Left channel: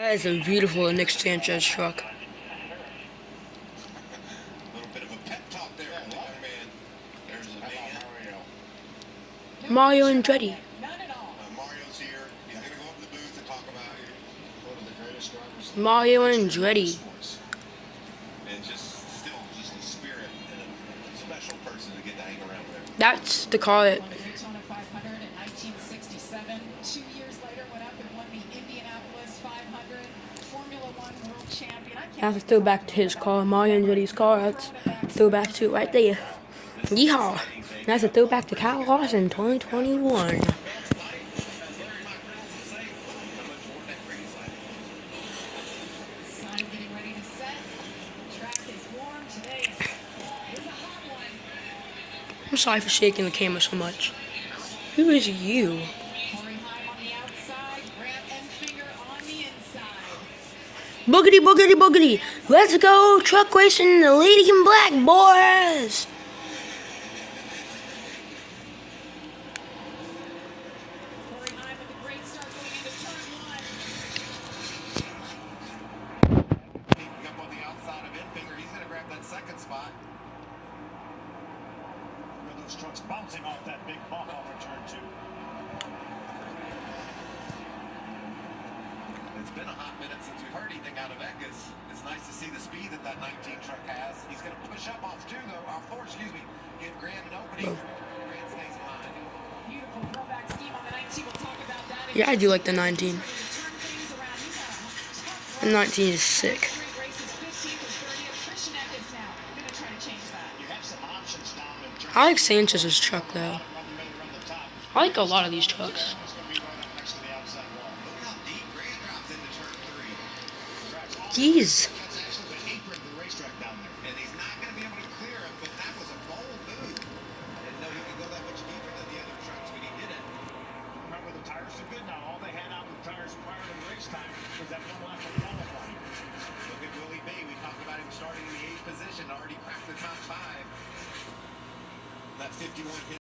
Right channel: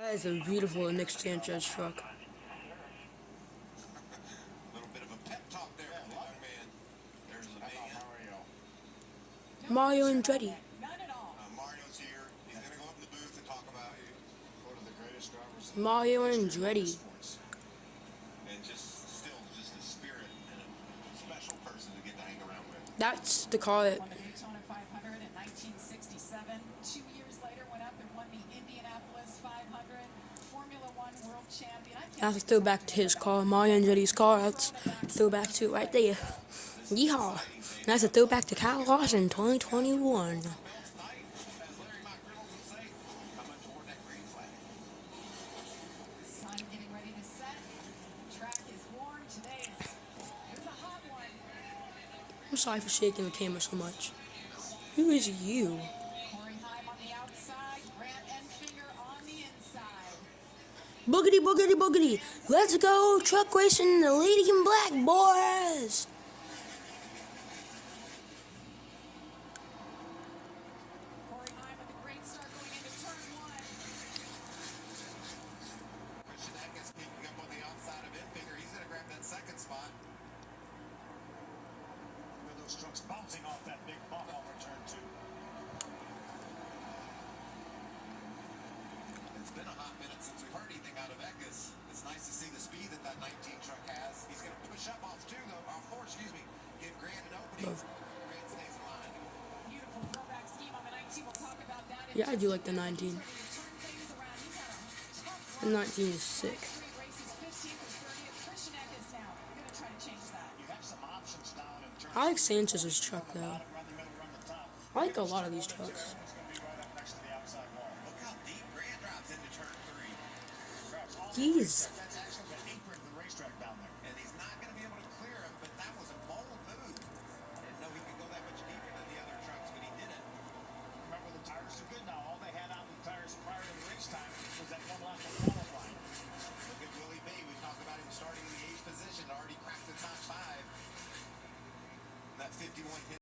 That is a beautiful Nick Sanchez truck. Mario Andretti. Mario Andretti. That's the car that. That's a throwback to his car, Mario Andretti's car. That's a throwback to it right there. Yeehaw! That's a throwback to Kyle Larson 2021. I'm sorry for shaking the camera so much. Who is you? Boogity, boogity, boogity. Let's go truck racing the Lady in Black, boys. Trucks bouncing off that big bump on return two. It's been a hot minute since we've heard anything out of Eckes. It's nice to see the speed that 19 truck has. He's going to push up off two, though. Off four, excuse me. Give Grant an opening. Grant stays in line. Beautiful throwback scheme on the 19. We'll talk about that. Yeah, I do like the 19. The 19 is sick. I like Sanchez's truck though. I like a lot of these trucks. Jeez. That 51 hit